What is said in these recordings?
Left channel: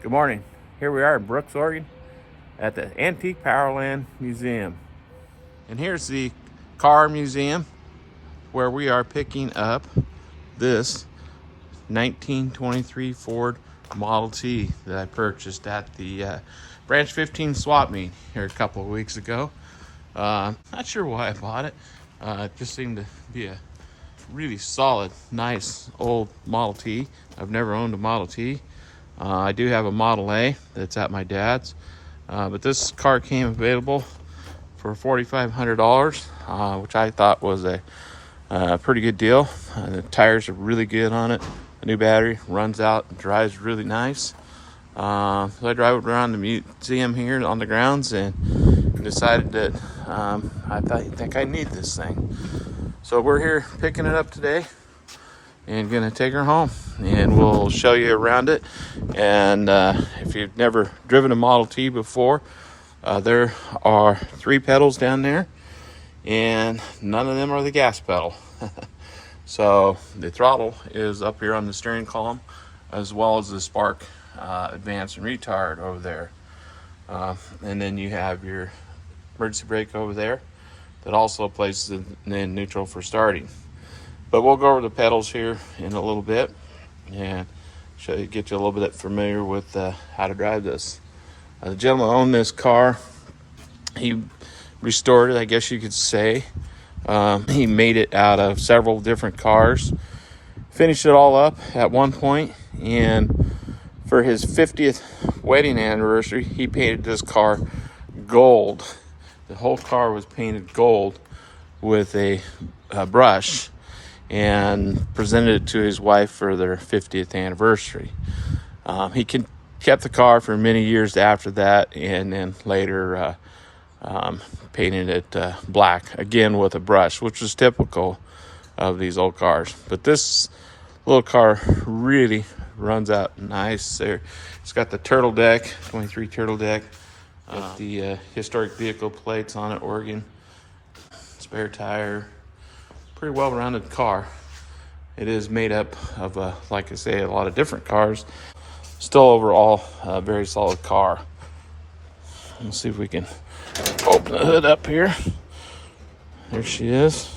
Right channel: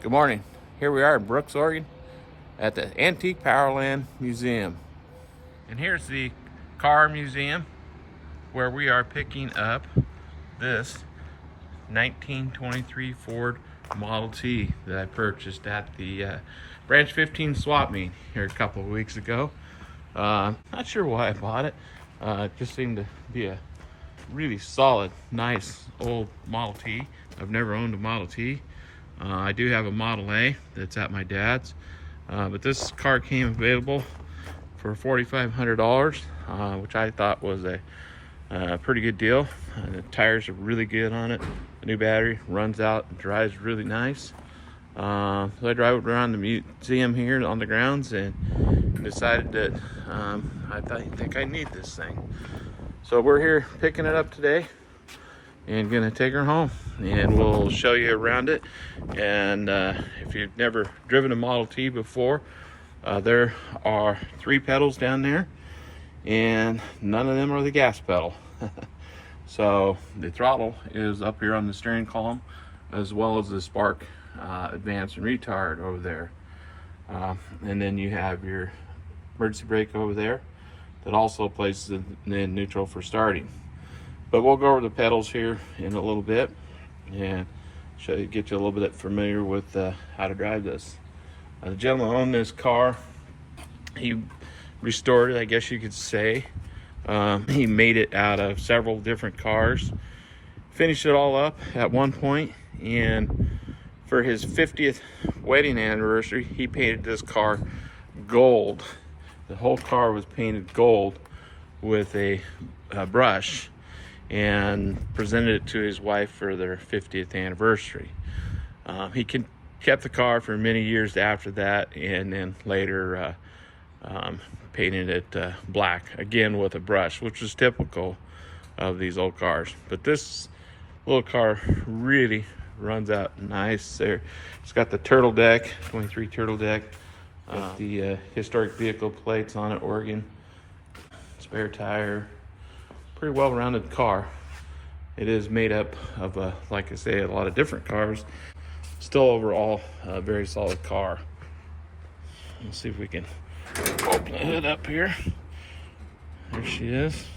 Good morning. Here we are in Brooks, Oregon at the Antique Powerland Museum. And here's the car museum where we are picking up this 1923 Ford Model T that I purchased at the Branch 15 swap meet here a couple of weeks ago. Not sure why I bought it. It just seemed to be a really solid, nice old Model T. I've never owned a Model T. I do have a Model A that's at my dad's, but this car came available for $4,500, which I thought was a pretty good deal. The tires are really good on it. The new battery runs out and drives really nice. So I drove around the museum here on the grounds and decided that I think I need this thing. So we're here picking it up today and gonna take her home, and we'll show you around it. And if you've never driven a Model T before, there are 3 pedals down there, and none of them are the gas pedal. So the throttle is up here on the steering column, as well as the spark advance and retard over there. And then you have your emergency brake over there that also places in neutral for starting. But we'll go over the pedals here in a little bit and get you a little bit familiar with how to drive this. The gentleman owned this car. He restored it, I guess you could say. He made it out of several different cars, finished it all up at one point, and for his 50th wedding anniversary, he painted this car gold. The whole car was painted gold with a brush, and presented it to his wife for their 50th anniversary. He kept the car for many years after that, and then later painted it black, again with a brush, which was typical of these old cars. But this little car really runs out nice there. It's got the turtle deck, 23 turtle deck, with the historic vehicle plates on it, Oregon, spare tire. Pretty well-rounded car. It is made up of, like I say, a lot of different cars. Still overall a very solid car. Let's see if we can open the hood up here. There she is.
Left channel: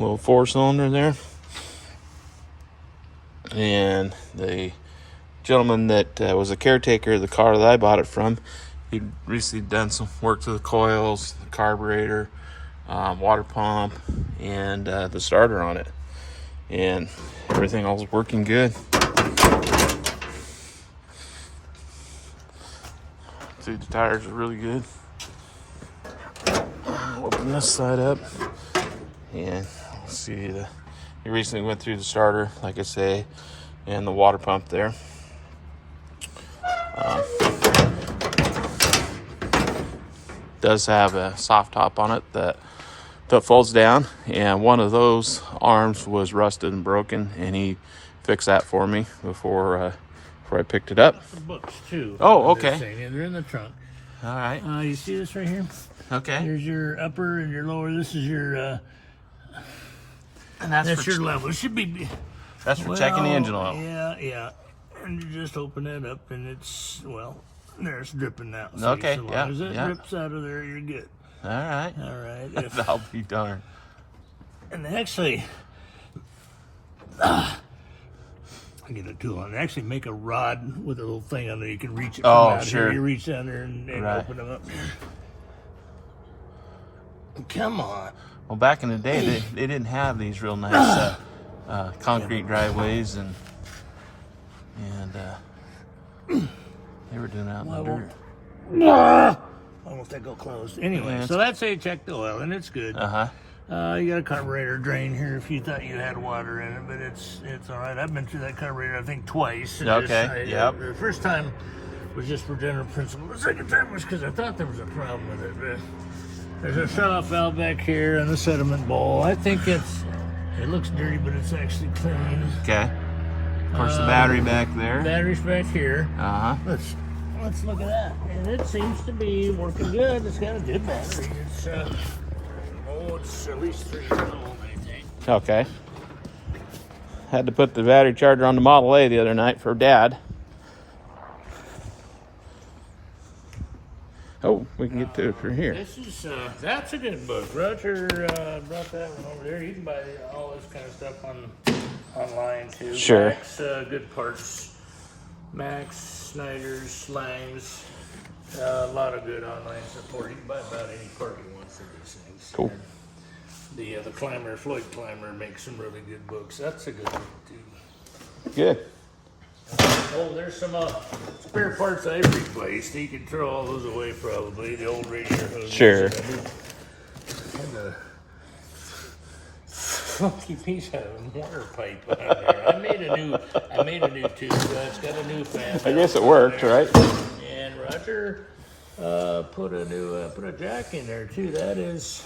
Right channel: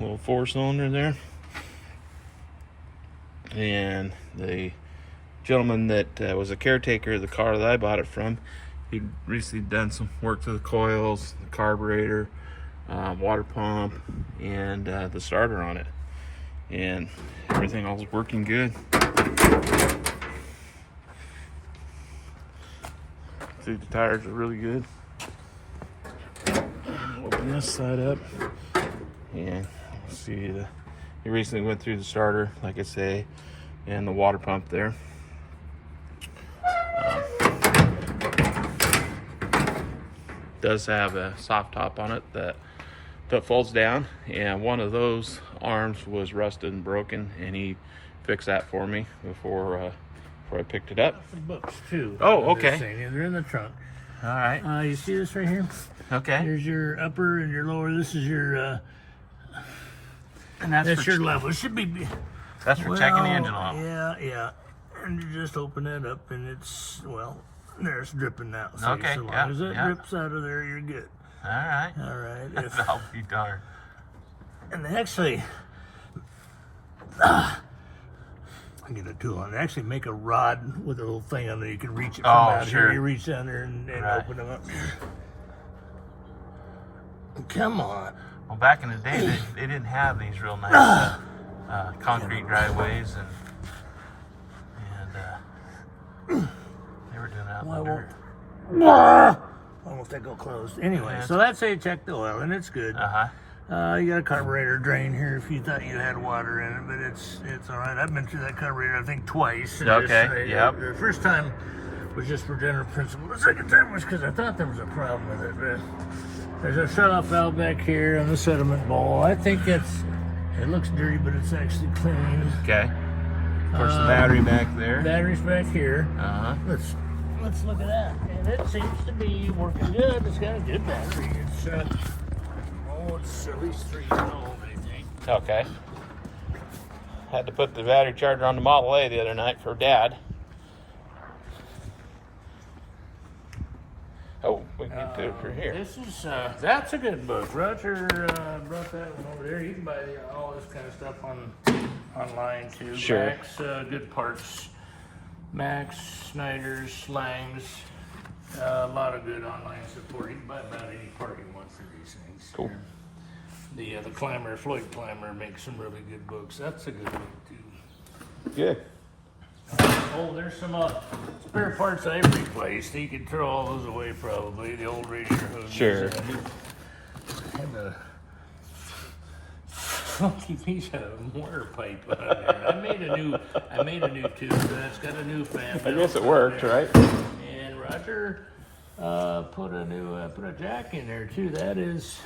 Little 4-cylinder there. And the gentleman that was a caretaker of the car that I bought it from, he'd recently done some work to the coils, the carburetor, water pump, and the starter on it, and everything all was working good. See, the tires are really good. Open this side up, and let's see, he recently went through the starter, like I say, and the water pump there. Does have a soft top on it that folds down, and one of those arms was rusted and broken, and he fixed that for me before I picked it up. The books too. Oh, okay. And they're in the trunk. All right. You see this right here? Okay. Here's your upper and your lower. This is your And that's your level. It should be. That's for checking the engine oil. Yeah. And you just open it up, and it's there's dripping now. So Okay. So long as it drips out of there, you're good. All right. I'll be darned. And actually, I get a tool on it. They actually make a rod with a little thing on there. You can reach it from out here. You reach down there and open them up. Come on. Well, back in the day, they didn't have these real nice concrete driveways, and they were doing it out in the dirt. Almost that go closed. Anyway, so that's how you check the oil, and it's good. You got a carburetor drain here if you thought you had water in it, but it's all right. I've been through that carburetor, I think, twice. Okay, yep. The first time was just for general principle. The second time was because I thought there was a problem with it. But there's a shut-off valve back here and the sediment bowl. I think it looks dirty, but it's actually clean. Okay. There's the battery back there. Battery's back here. Uh-huh. Let's look at that. And it seems to be working good. It's got a good battery. It's at least 3 years old, I think. Okay. Had to put the battery charger on the Model A the other night for Dad. Oh, we can get to it from here. This is, that's a good book. Roger brought that one over there. You can buy all this kind of stuff online too. Sure. Max, Good Parts. Max, Snyder's, Slangs. A lot of good online support. You can buy about any part you want for these things. Cool. And the Clamor, Floyd Clamor makes some really good books. That's a good book too. Good. Oh, there's some spare parts I replaced. You can throw all those away probably. The old radiator hoses. Sure. And the funky piece of water pipe on there. I made a new tube. It's got a new fan. I guess it worked, right? And Roger put a jack in there too. That is,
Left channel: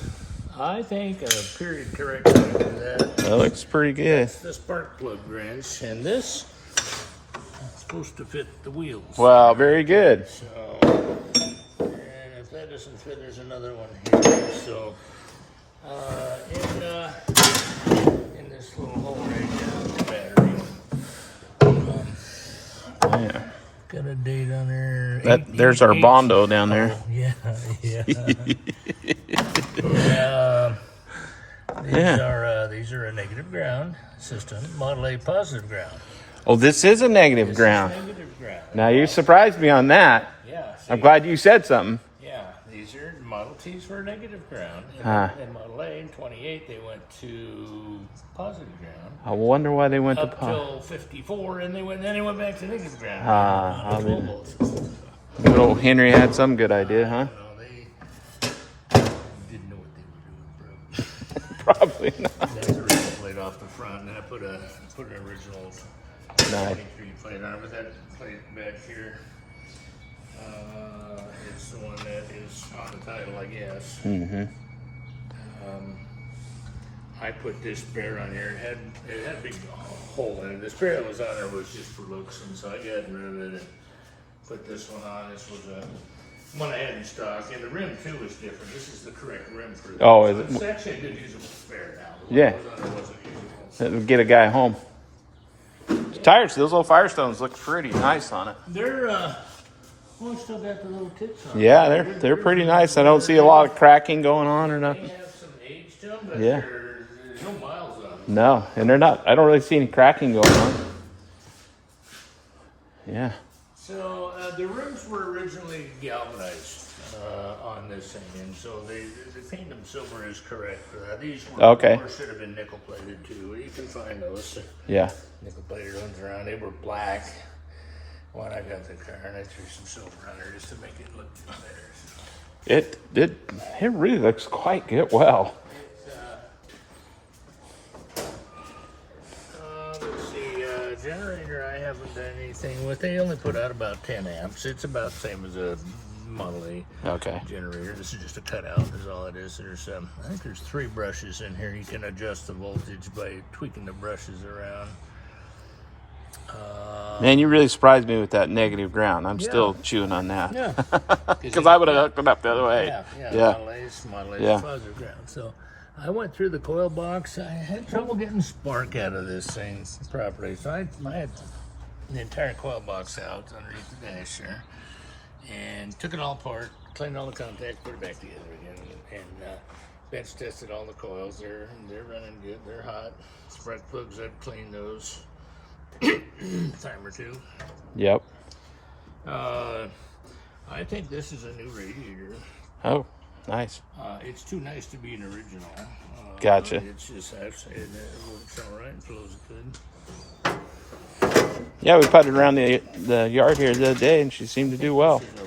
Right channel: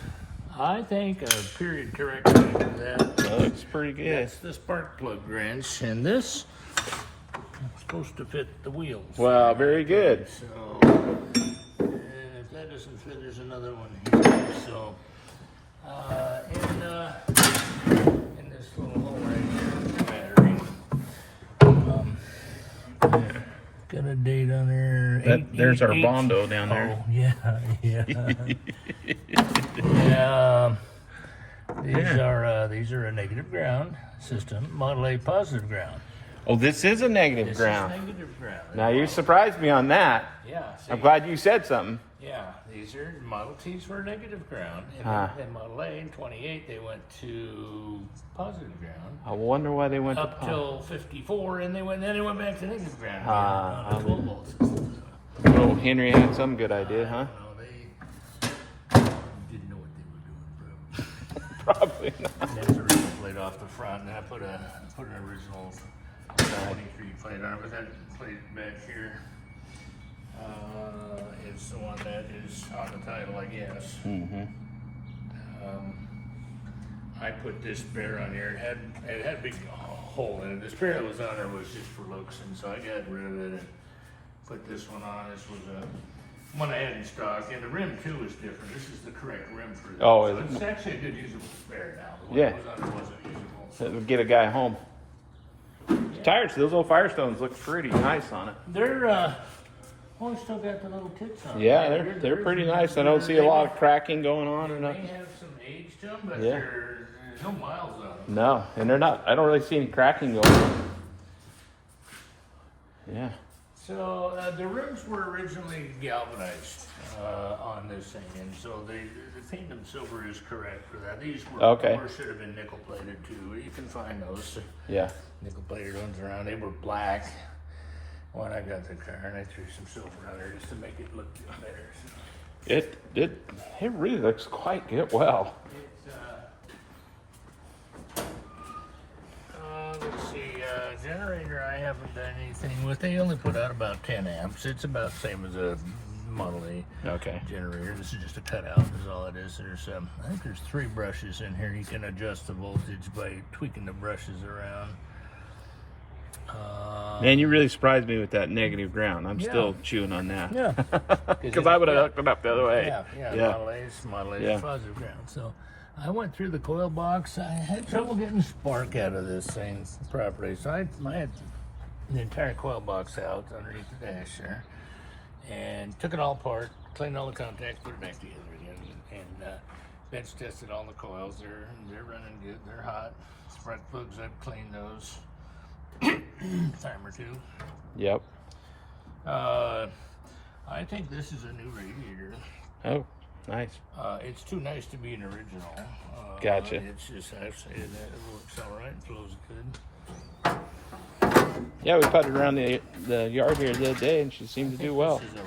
I think, a period correct. That looks pretty good. That's the spark plug wrench, and this is supposed to fit the wheels. Wow, very good. So, and if that doesn't fit, there's another one here. So, in this little hole right here, the battery. Yeah. Got a date on there. There's our Bondo down there. Oh, yeah. These are a negative ground system. Model A positive ground. Oh, this is a negative ground. Negative ground. Now you surprised me on that. Yeah. See, I'm glad you said something. yeah. These are Model T's were negative ground. And Model A in 28 they went to positive ground. I wonder why they went Up to till 54, and then they went back to negative ground. I On a 12 volt system. Little Henry had some good idea, huh? No, they didn't know what they were doing. Probably not. They had a original plate off the front, and I put an original 23 plate on it. But that plate back here, it's the one that is on the title, I guess. Mm-hmm. I put this spare on here. It had a big hole in it. The spare that was on there was just for looks, and so I got rid of it and put this one on. This was one I had in stock, and the rim too is different. This is the correct rim for this. Oh, so it's actually a good usable spare now. The one Yeah. that was on there wasn't usable. So That'll get a guy home. The tires, those little Firestones look pretty nice on it. they're still got the little tips on. Yeah, they're pretty nice. I don't see a lot of cracking going on or They nothing. have some age to them, but Yeah. there's no miles on them. No, and they're not. I don't really see any cracking going on. Yeah. So the rims were originally galvanized on this thing, and so they painted them silver is correct for that. These were Okay. should have been nickel plated too. You can find those Yeah. nickel plated ones around. They were black when I got the car, and I threw some silver on there just to make it look better. It really looks quite good. Well. Let's see, generator I haven't done anything with. They only put out about 10 amps. It's about the same as a Model A Okay. generator. This is just a cutout, is all it is. There's, I think there's 3 brushes in here. You can adjust the voltage by tweaking the brushes around. Man, you really surprised me with that negative ground. I'm still chewing on that. Yeah. Because I would have hooked it up the other way. Yeah. Model A's Yeah. positive ground. So I went through the coil box. I had trouble getting spark out of this thing properly. So I had the entire coil box out underneath the dash there and took it all apart, cleaned all the contacts, put it back together again, and bench tested all the coils. They're running good. They're hot. Spark plugs, I've cleaned those time or two. Yep. I think this is a new radiator. Oh, nice. It's too nice to be an original. Gotcha. It's just, I've said it works all right and flows good. Yeah, we putted around the yard here the other day, and she seemed to do well. This is a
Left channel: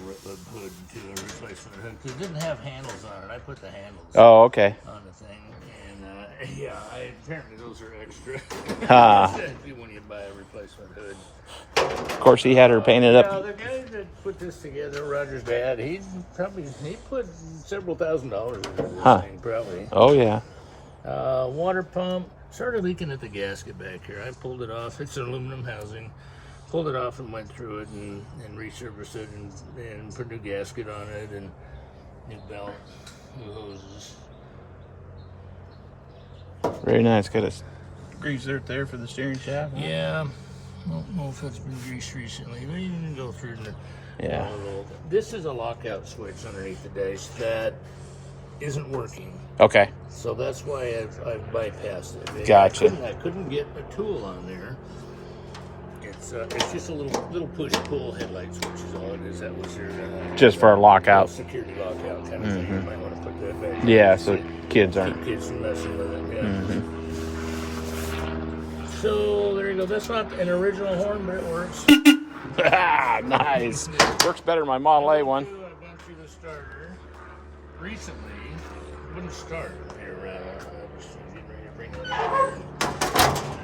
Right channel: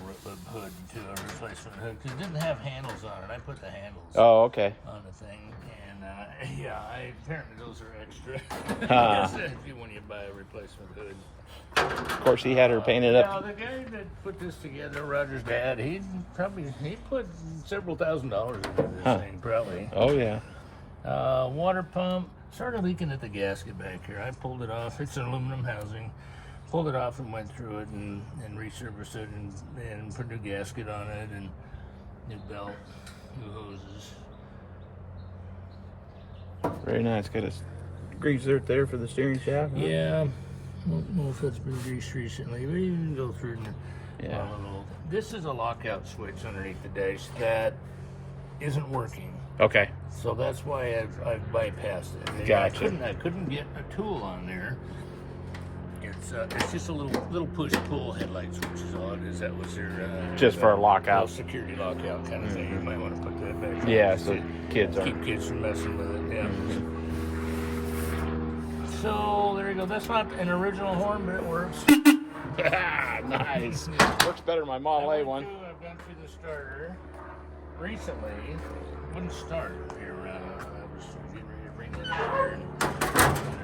hood to a replacement hood. 'Cause it didn't have handles on it. I put the handles Oh, okay. on the thing, and apparently those are extra. Ah. When you buy a replacement hood. Of course, he had her painted up. The guy that put this together, Roger's dad, he put several $1,000s into this thing, probably. Oh, yeah. Water pump started leaking at the gasket back here. I pulled it off. It's an aluminum housing. Pulled it off and went through it and resurfaced it and put a new gasket on it and new belt, new hoses. Very nice. Got a grease there for the steering shaft. Yeah, I don't know if that's been greased recently, but you can go through the Yeah. This is a lockout switch underneath the dash that isn't working. Okay. So that's why I've bypassed it. Gotcha. I couldn't get a tool on there. It's just a little push-pull headlight switch is all it is. That was your Just for a lockout. Security lockout kind of thing. You might want to put that back. Yeah, so kids aren't. Keep kids from messing with it. Yeah. So there you go. That's not an original horn, but it works. Nice. Works better than my Model A one. I've gone through the starter recently. It wouldn't start here. I was getting ready to bring it in here and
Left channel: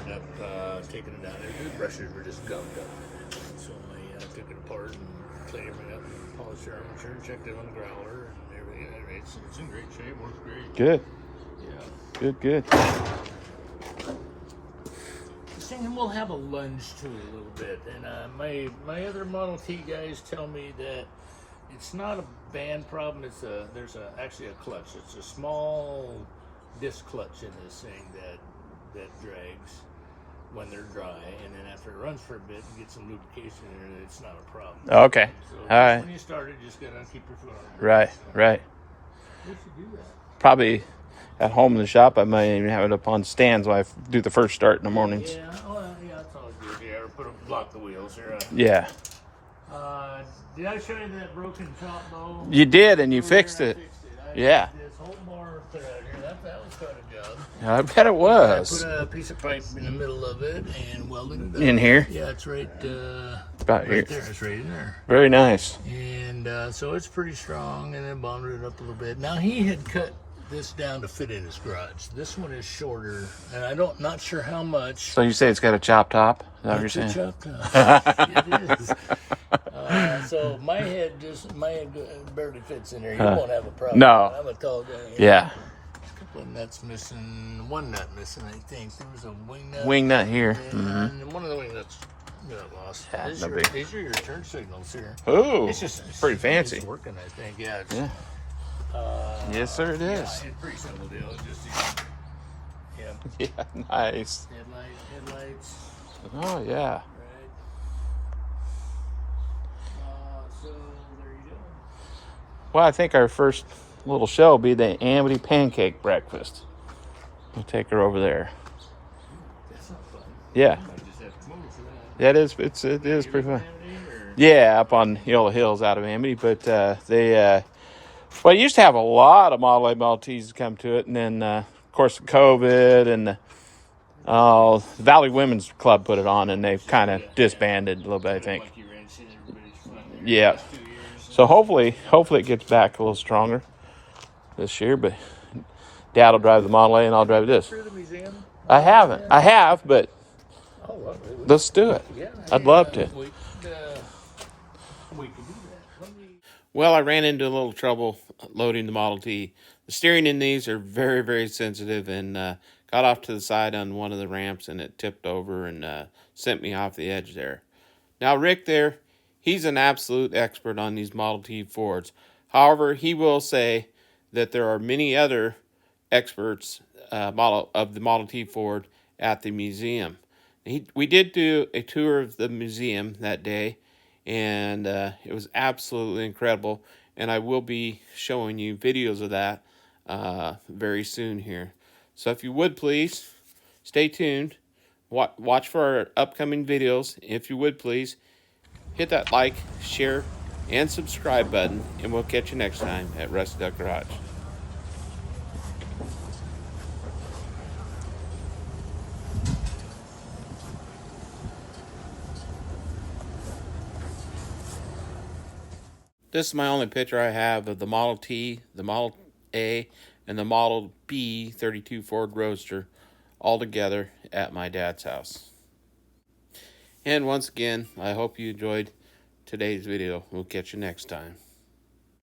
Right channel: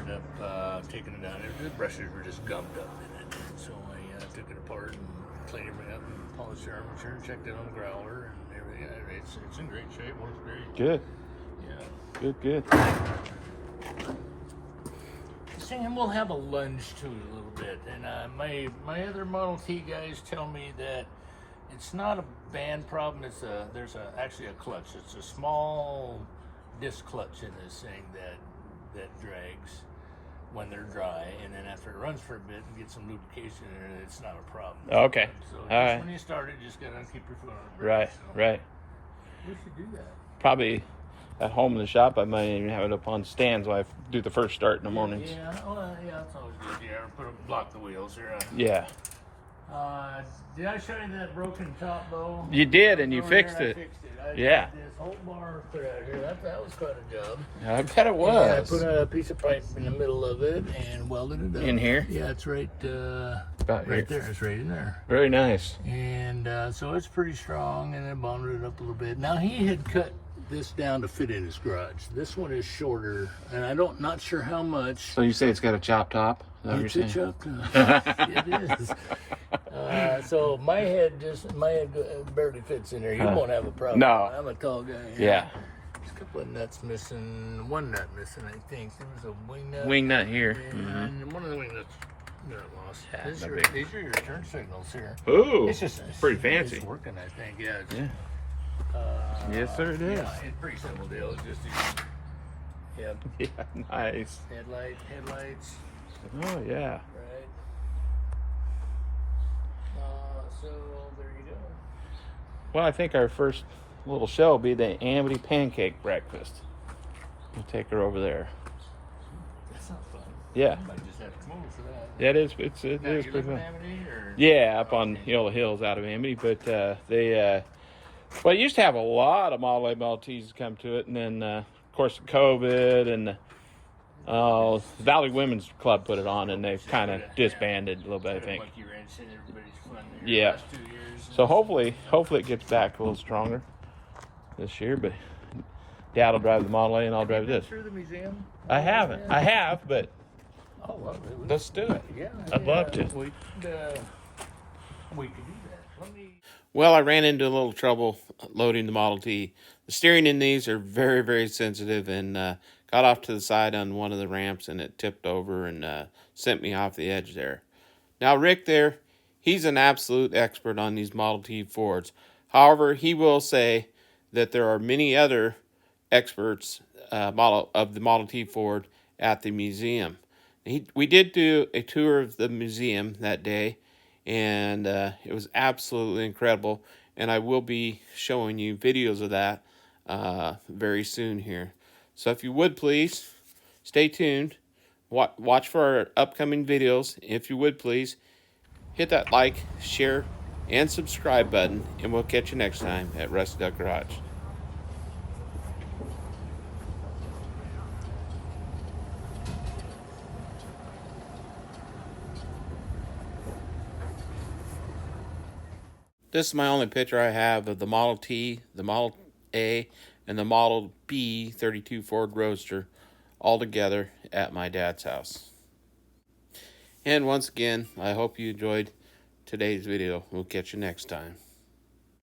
ended up taking it down. The brushes were just gummed up. So I took it apart and cleaned everything up and polished the armature and checked it on the growler and everything. It's in great shape. Works great. Good. Yeah. Good. And we'll have a lunge to it a little bit. And my other Model T guys tell me that it's not a band problem. There's actually a clutch. It's a small disc clutch in this thing that drags when they're dry, and then after it runs for a bit and gets some lubrication in it, it's not a problem. Okay. So All right. when you start it, just gotta keep your foot on the brake. Right. So Right. we should do that. Probably at home in the shop, I might even have it up on stands while I do the first start in the mornings. Yeah, well, yeah, that's always good. Yeah, or block the wheels here. Yeah. Did I show you that broken top though? You did, and you fixed it. Yeah. This whole bar put out here. That was quite a job. I bet it I was. put a piece of pipe in the middle of it and welded it up. In here? Yeah, it's right. About here. Right there. It's right in there. Very nice. And so it's pretty strong, and then bonded it up a little bit. Now he had cut this down to fit in his garage. This one is shorter, and not sure how much. So you say it's got a chop top? Is that what you're It's a saying? chop top. It is. So my head barely fits in there. You won't have a problem. No. I'm a tall guy. Yeah. A couple of nuts missing. One nut missing, I think. There was a wing nut. Wing nut here. And one of the wing nuts got lost. Yeah, These no are big. your turn signals here. Ooh, It's pretty fancy. It's working, I think. Yeah. Yeah. Yes, sir, it Yeah, is. it's a pretty simple deal. Just yeah. Yeah, nice. Headlights. Oh, yeah. Right. So there you go. Well, I think our first little show will be the Amity Pancake Breakfast. We'll take her over there. That sounds fun. Yeah. I might just have to come over for that. That is, it is You pretty live fun. in Amity, or? Yeah, up on the hills out of Amity, but well, it used to have a lot of Model A Model T's come to it, and then of course COVID and Valley Women's Club put it on, and they've kind of disbanded a little bit, I think. Monkey wrench in everybody's fun there Yeah. the last 2 years. So hopefully it gets back a little stronger this year. But Dad will drive the Model A, and I'll drive this. Through the museum? I haven't. I have, but Oh, well, let's do it. yeah. I'd love to. We could do that. Well, I ran into a little trouble loading the Model T. The steering in these are very, very sensitive, and got off to the side on one of the ramps, and it tipped over and sent me off the edge there. Now, Rick there, he's an absolute expert on these Model T Fords. However, he will say that there are many other experts of the Model T Ford at the museum. We did do a tour of the museum that day, and it was absolutely incredible. And I will be showing you videos of that very soon here. So if you would please, stay tuned. Watch for our upcoming videos. If you would please, hit that like, share, and subscribe button. And we'll catch you next time at Rusty Duck Garage. This is my only picture I have of the Model T, the Model A, and the Model B 32 Ford Roadster all together at my dad's house. And once again, I hope you enjoyed today's video. We'll catch you next time.